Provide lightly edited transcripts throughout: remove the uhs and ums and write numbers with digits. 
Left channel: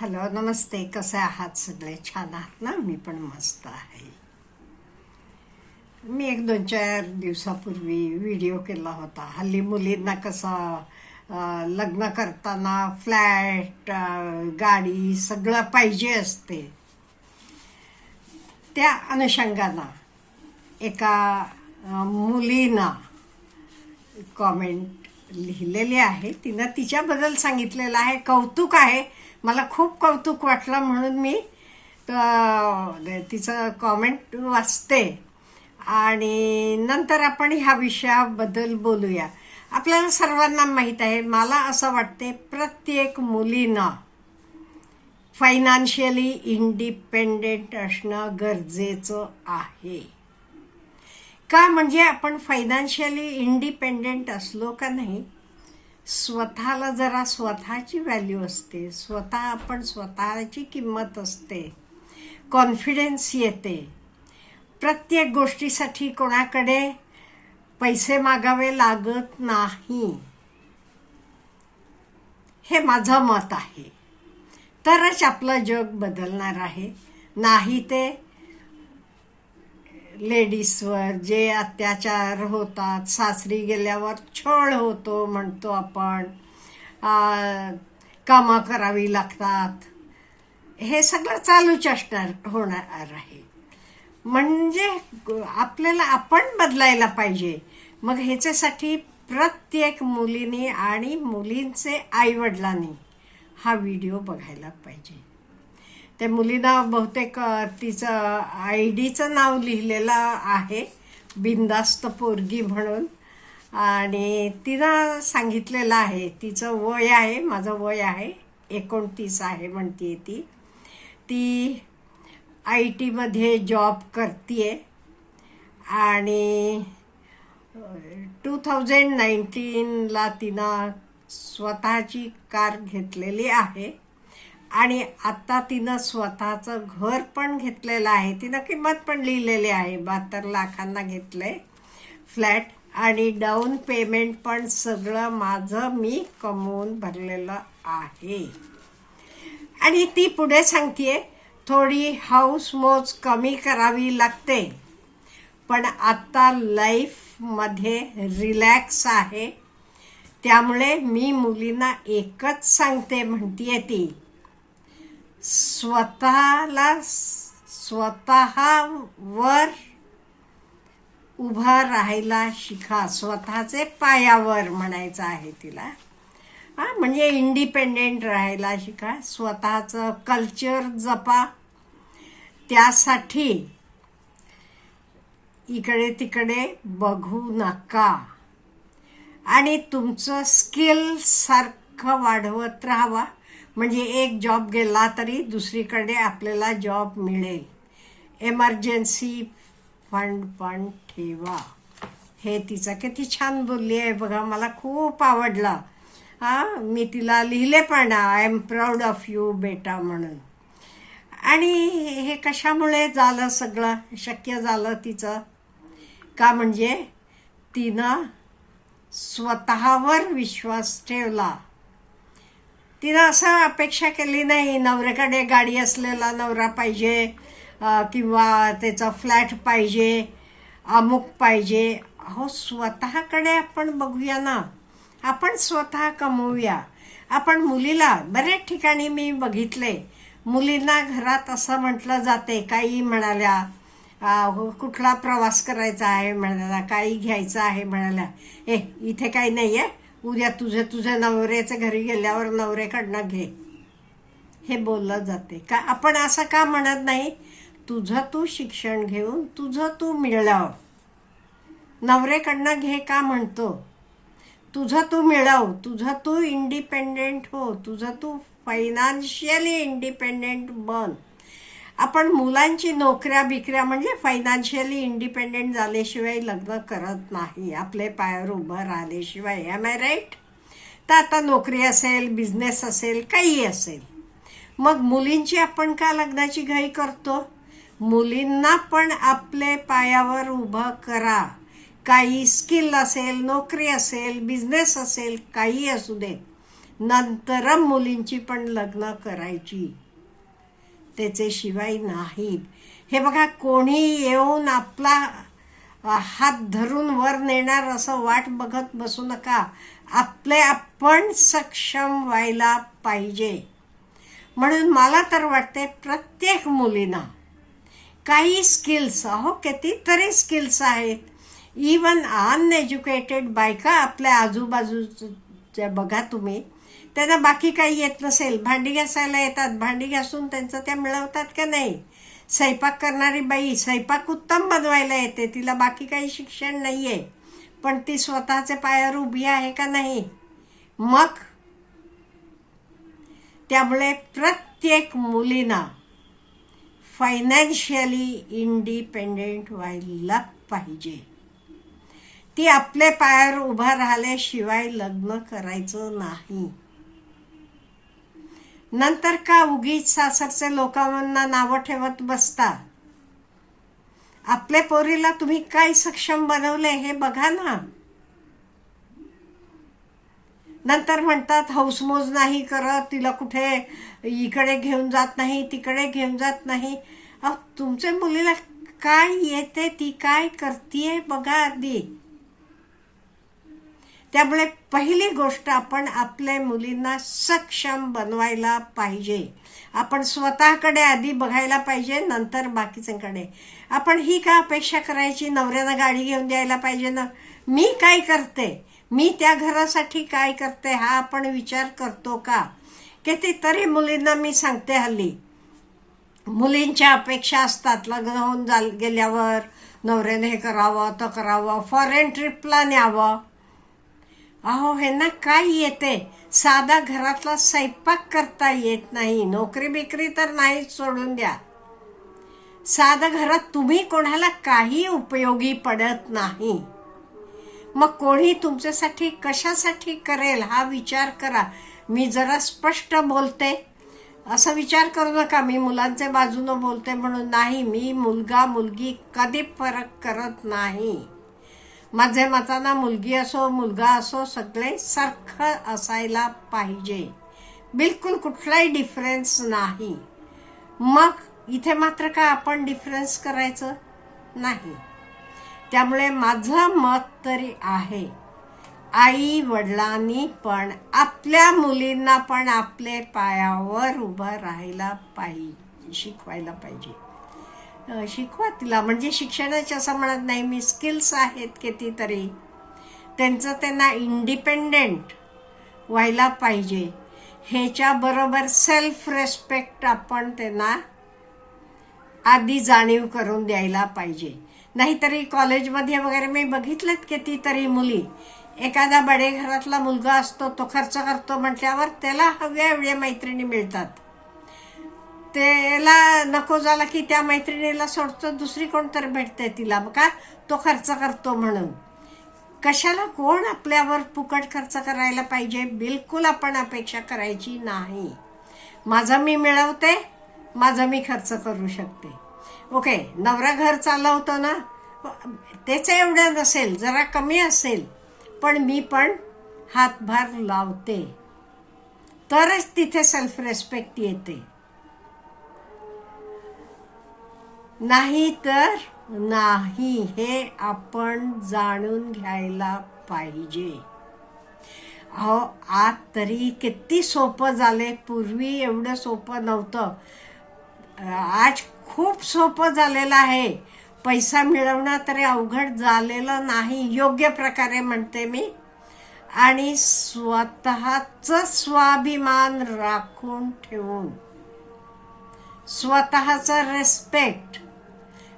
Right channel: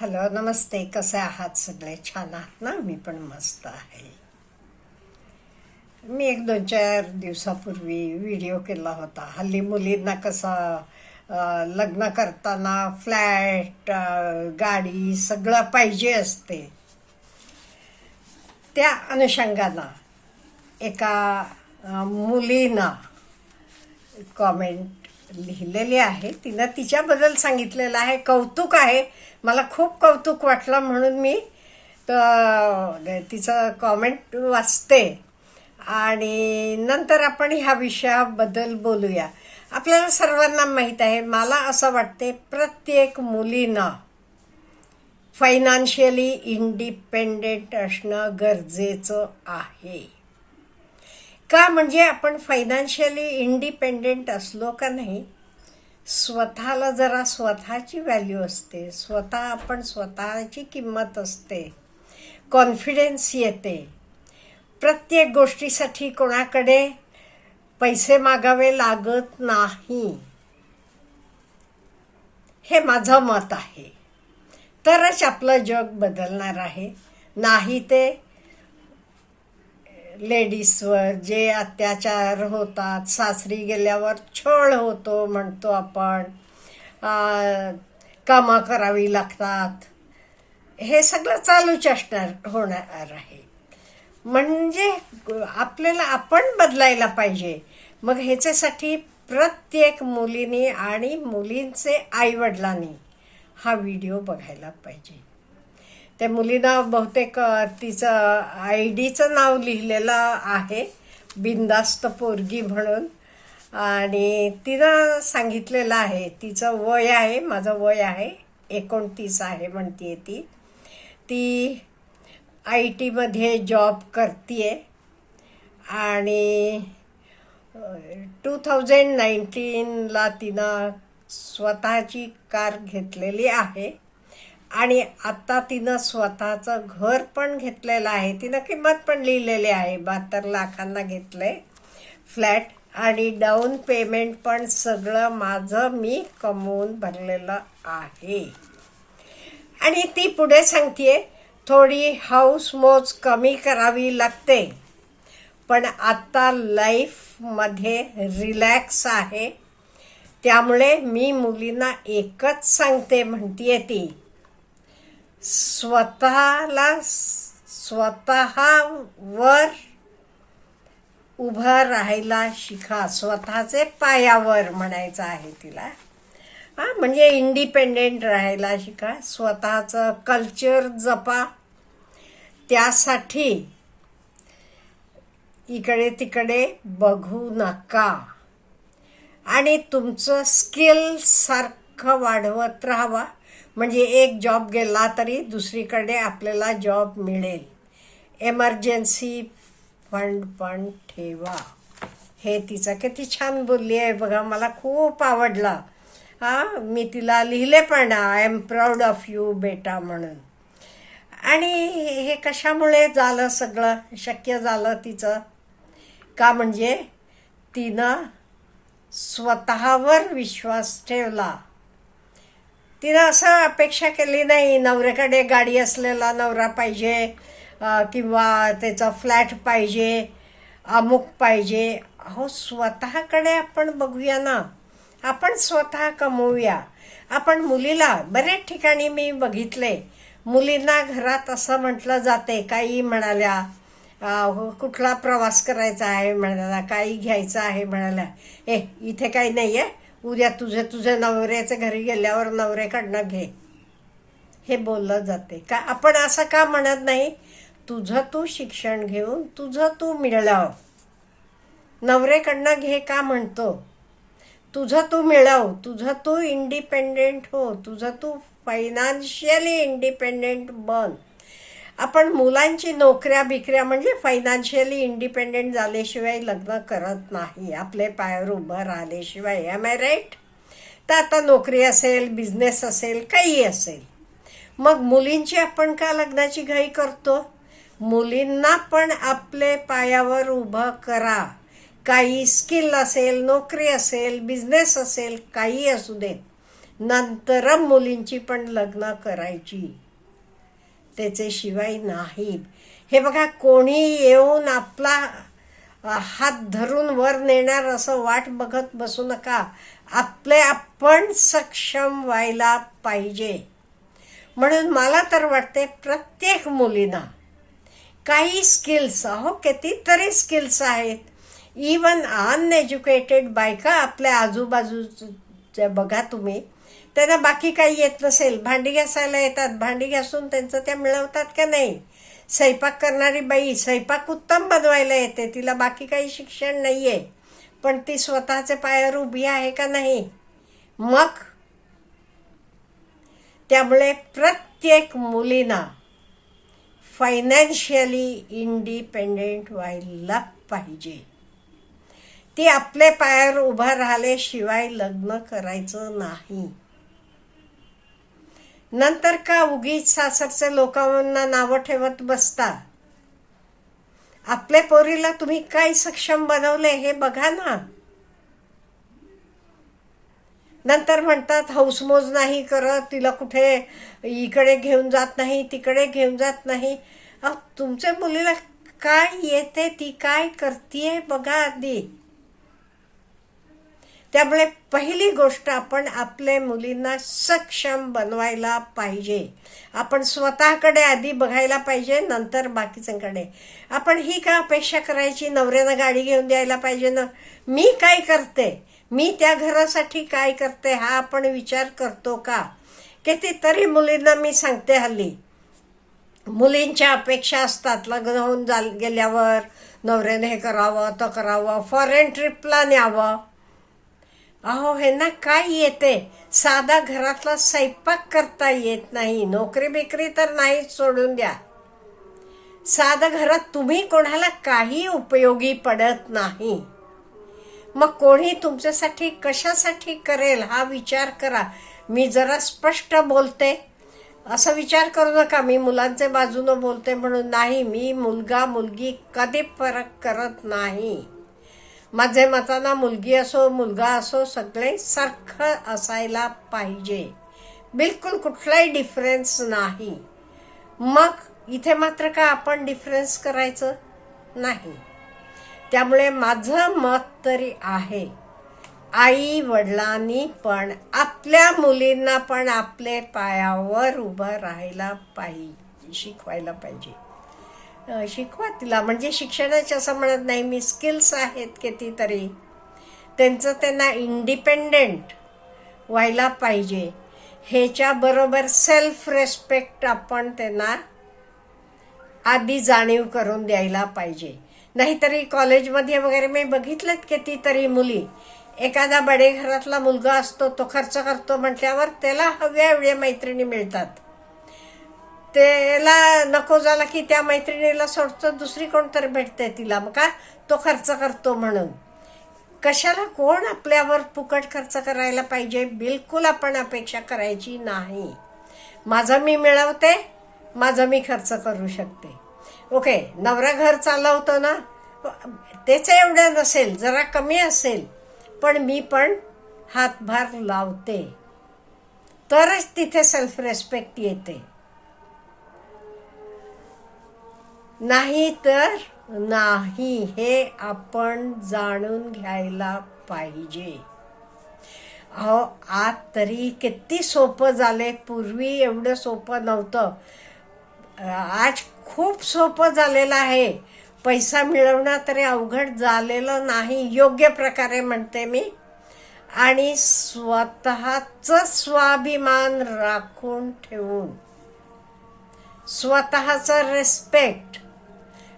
Hello, नमस्ते. कसे आहात सगळे? छान आहात ना? मी पण मस्त आहे. मी एक 2-4 दिवसापूर्वी व्हिडिओ केला होता. हल्ली मुलींना कसं लग्न करताना फ्लॅट, गाडी सगळं पाहिजे असते. त्या अनुषंगानं एका मुलीनं कॉमेंट लिहिलेली आहे. तिनं तिच्याबद्दल सांगितलेलं आहे. कौतुक आहे. मला खूप कौतुक वाटलं म्हणून मी तिचं कॉमेंट वाचते आणि नंतर आपण ह्या विषयाबद्दल बोलूया. आपल्याला सर्वांना माहीत आहे, मला असं वाटते प्रत्येक मुलीनं फायनान्शियली इंडिपेंडेंट असणं गरजेचं आहे. का म्हणजे आपण फायनान्शियली इंडिपेंडेंट असलो का नाही, स्वतःला जरा स्वतःची व्हॅल्यू असते, आपण स्वतःची किंमत असते, कॉन्फिडन्स येते. प्रत्येक गोष्टीसाठी कोणाकडे पैसे मागावे लागत नाही, हे माझं मत आहे. तरच आपलं जग बदलणार आहे. नाही ते लेडीजवर जे अत्याचार होतात, सासरी गेल्यावर छळ होतो म्हणतो आपण, कामं करावी लागतात, हे सगळं चालूच होणार आहे. म्हणजे आपल्याला आपण बदलायला पाहिजे. मग ह्याच्यासाठी प्रत्येक मुलीने आणि मुलींचे आईवडिलांनी हा व्हिडिओ बघायला पाहिजे. त्या मुलीनं बहुतेक तिचं आयडीचं नाव लिहिलेलं आहे, बिंदास्त पोरगी म्हणून. आणि तिनं सांगितलेलं आहे, तिचं वय आहे, माझं वय आहे 29 आहे म्हणतीये. ती IT मध्ये जॉब करतीये आणि 2019ला तिनं स्वतःची कार घेतलेली आहे आणि आता तिनं स्वतःचं घर पण घेतलेलं आहे. तिनं किंमत पण लिहिलेली आहे, 72 लाखांना घेतलंय फ्लॅट आणि डाऊन पेमेंट पण सगळं माझं मी कमवून भरलेलं आहे. आणि ती पुढे सांगतेय, थोडी हाऊस मौज कमी करावी लागते, पण आता लाईफमध्ये रिलॅक्स आहे. त्यामुळे मी मुलींना एकच सांगते म्हणतीये, ती स्वतःवर उभं राहायला शिका. स्वतःचे पायावर म्हणायचं आहे तिला. म्हणजे इंडिपेंडेंट राहायला शिका, स्वतःचं कल्चर जपा. त्यासाठी इकडे तिकडे बघू नका आणि तुमचं स्किल सारखं वाढवत राहावा. म्हणजे एक जॉब गेला तरी दुसरीकडे आपल्याला जॉब मिळेल. एमर्जन्सी फंड पण ठेवा. हे तिचं किती छान बोलली आहे बघा, मला खूप आवडलं. मी तिला लिहिले पण, I am proud of you बेटा म्हणून. आणि हे कशामुळे झालं, सगळं शक्य झालं तिचं? का म्हणजे तिनं स्वतःवर विश्वास ठेवला. तिनं असं अपेक्षा केली नाही, नवऱ्याकडे गाडी असलेला नवरा पाहिजे किंवा त्याचा फ्लॅट पाहिजे, अमुक पाहिजे. अहो, स्वतःकडे आपण बघूया ना, आपण स्वतः कमवूया. आपण मुलीला बऱ्याच ठिकाणी मी बघितले, मुलींना घरात असं म्हटलं जाते, काही म्हणाल्या, कुठला प्रवास करायचा आहे म्हणाल्या, काही घ्यायचं आहे म्हणाल्या, इथे काही नाही आहे, उद्या तुझ्या नवऱ्याच्या घरी गेल्यावर नवऱ्याकडनं घे, हे बोललं जाते. का आपण असं का म्हणत नाही, तुझं तू शिक्षण घेऊन तुझं तू मिळव, नवऱ्याकडनं घे का म्हणतो? तुझं तू मिळव, तुझं तू इंडिपेंडेंट हो, तुझं तू फायनान्शियली इंडिपेंडेंट बन. आपण मुलांची नोकऱ्या बिकऱ्या म्हणजे फायनान्शियली इंडिपेंडेंट झाल्याशिवाय लग्न करत नाही, आपले पायावर उभं राहिल्याशिवाय. M I right? तर आता नोकरी असेल, बिझनेस असेल, काही असेल, मग मुलींची आपण का लग्नाची घाई करतो? मुलींना पण आपले पायावर उभं करा. काही स्किल असेल, नोकरी असेल, बिझनेस असेल, काही असू दे, नंतर मुलींची पण लग्न करायची, त्याच्याशिवाय नाही. हे बघा, कोणी येऊन आपला हात धरून वर नेणार असं वाट बघत बसू नका. आपले आपण सक्षम व्हायला पाहिजे. म्हणून मला तर वाटते प्रत्येक मुलींना काही स्किल्स, कितीतरी स्किल्स आहेत. इवन अनएज्युकेटेड बायका आपल्या आजूबाजूच्या बघा तुम्ही, त्यांना बाकी काही येत नसेल, भांडी घासायला येतात, भांडी घासून त्यांचं त्या मिळवतात का नाही. स्वयंपाक करणारी बाई स्वयंपाक उत्तम बनवायला येते, तिला बाकी काही शिक्षण नाहीये, पण ती स्वतःच्या पायावर उभी आहे का नाही. मग त्यामुळे प्रत्येक मुलींना फायनान्शियली इंडिपेंडेंट व्हायला पाहिजे. ती आपल्या पायावर उभा राहिल्याशिवाय लग्न करायचं नाही. नंतर का उगीच सासरचे लोकांना नावं ठेवत बसता. आपल्या पोरीला तुम्ही काय सक्षम बनवले हे बघा ना. नंतर म्हणतात हौसमोज नाही करत, तिला कुठे इकडे घेऊन जात नाही, तिकडे घेऊन जात नाही. तुमच्या मुलीला काय येते, ती काय करतीये बघा आधी. त्यामुळे पहिली गोष्ट, आपण आपल्या मुलींना सक्षम बनवायला पाहिजे. आपण स्वतःकडे आधी बघायला पाहिजे, नंतर बाकीच्यांकडे. आपण ही का अपेक्षा करायची नवऱ्यानं गाडी घेऊन द्यायला पाहिजे ना, मी काय करते, मी त्या घरासाठी काय करते, हा आपण विचार करतो का. कितीतरी मुलींना मी सांगते, हल्ली मुलींच्या अपेक्षा असतात, लग्न होऊन गेल्यावर नवऱ्याने हे करावं, तो करावं, फॉरेन ट्रिपला न्यावं. ह्यांना काय येते, साधा घरातला स्वयंपाक करता येत नाही, नोकरी बिकरी तर नाही, सोडून द्या. साधा घरात तुम्ही कोणाला काही उपयोगी पडत नाही. मग कोणी तुमच्यासाठी कशासाठी करेल हा विचार करा. मी जरा स्पष्ट बोलते, असं विचार करू नका मी मुलांच्या बाजूनं बोलते म्हणून. नाही, मी मुलगा मुलगी कधी फरक करत नाही. माझ्या मतानं मुलगी असो मुलगा असो सगळे सारखं असायला पाहिजे, बिलकुल कुठलाही डिफरन्स नाही. मग इथे मात्र का आपण डिफरन्स करायचं नाही. त्यामुळे माझं मत तरी आहे, आई वडिलांनी पण आपल्या मुलींना पण आपले पायावर उभं राहायला पाहिजे, शिकवायला पाहिजे. शिकवा तिला, म्हणजे शिक्षणाचे असं म्हणत नाही मी, स्किल्स आहेत कितीतरी, त्यांचं त्यांना इंडिपेंडेंट व्हायला पाहिजे. ह्याच्याबरोबर सेल्फ रेस्पेक्ट आपण त्यांना आधी जाणीव करून द्यायला पाहिजे. नाहीतरी कॉलेजमध्ये वगैरे मी बघितलेत कितीतरी मुली, एखादा बडे घरातला मुलगा असतो, तो खर्च करतो म्हटल्यावर त्याला हव्या एवढ्या मैत्रिणी मिळतात. त्याला नको झाला की त्या मैत्रिणीला सोडतो, दुसरी कोणतरी भेटते तिला, मग का तो खर्च करतो म्हणून. कशाला, कोण आपल्यावर फुकट खर्च करायला पाहिजे, बिलकुल आपण अपेक्षा करायची नाही. माझं मी मिळवते, माझं मी खर्च करू शकते. ओके, नवरा घर चालवतो ना, त्याचं एवढं नसेल, जरा कमी असेल, पण मी पण हातभार लावते, तरच तिथे सेल्फ रेस्पेक्ट येते. नाही तर नाही, हे आपण जाणून घ्यायला पाहिजे. आज तरी किती सोपं झालंय, पूर्वी एवढं सोपं नव्हतं. आज खूप सोपं झालेलं आहे. पैसा मिळवणं तरी अवघड झालेलं नाही, योग्य प्रकारे म्हणते मी. आणि स्वतःचं स्वाभिमान राखून ठेवून, स्वतःचं रेस्पेक्ट,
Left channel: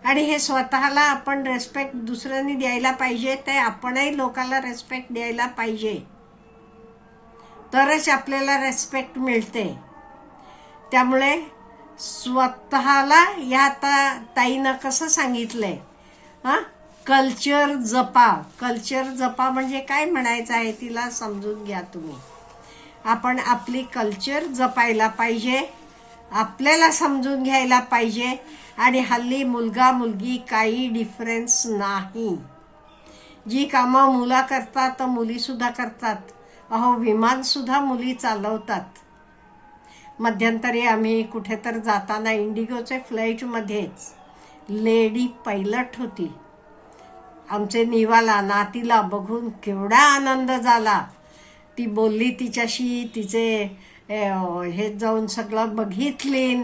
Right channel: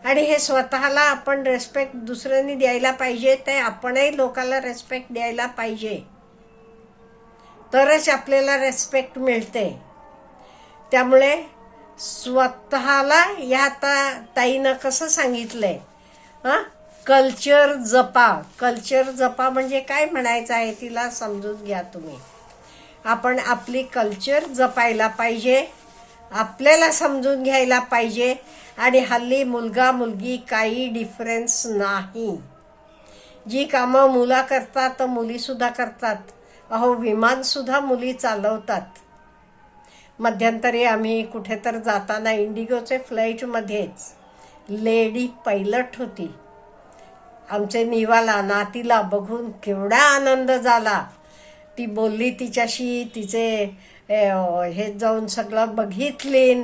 आणि हे स्वतःला आपण रेस्पेक्ट दुसऱ्यांनी द्यायला पाहिजे, ते आपणही लोकांना रेस्पेक्ट द्यायला पाहिजे, तरच आपल्याला रेस्पेक्ट मिळते. त्यामुळे स्वतःला, या ताईनं कसं सांगितलंय, कल्चर जपा. कल्चर जपा म्हणजे काय म्हणायचं आहे तिला समजून घ्या तुम्ही. आपण आपली कल्चर जपायला पाहिजे, आपल्याला समजून घ्यायला पाहिजे. आणि हल्ली मुलगा मुलगी काही डिफरन्स नाही. जी कामं मुलं करतात तर मुली सुद्धा करतात. अहो, विमान सुद्धा मुली चालवतात. मध्यंतरी आम्ही कुठे तर जाताना इंडिगोचे फ्लाईटमध्येच लेडी पायलट होती. आमचे निवाला नातीला बघून केवढा आनंद झाला. ती बोलली तिच्याशी, तिचे हे जाऊन सगळं बघितलीन.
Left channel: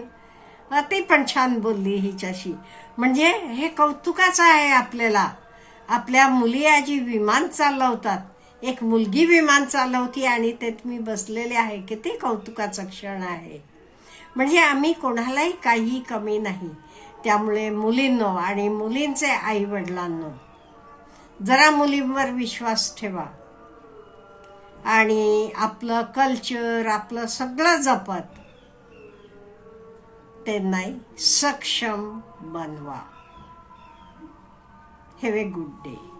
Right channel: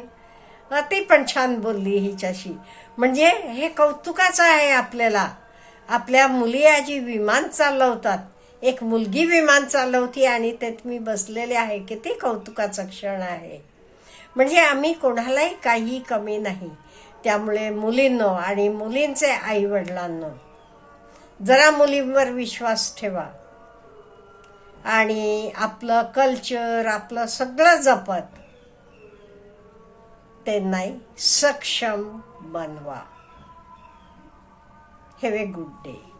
ती पण छान बोलली हिच्याशी. म्हणजे हे कौतुकाचं आहे आपल्याला. आपल्या मुली आजी विमान चालवतात. एक मुलगी विमान चालवती आणि त्यात मी बसलेले आहे. किती कौतुकाचा क्षण आहे. म्हणजे आम्ही कोणालाही काही कमी नाही. त्यामुळे मुलींनो आणि मुलींचे आई वडिलांनो, जरा मुलींवर विश्वास ठेवा आणि आपलं कल्चर, आपलं सगळं जपत त्यांना सक्षम बनवा. Have a good day.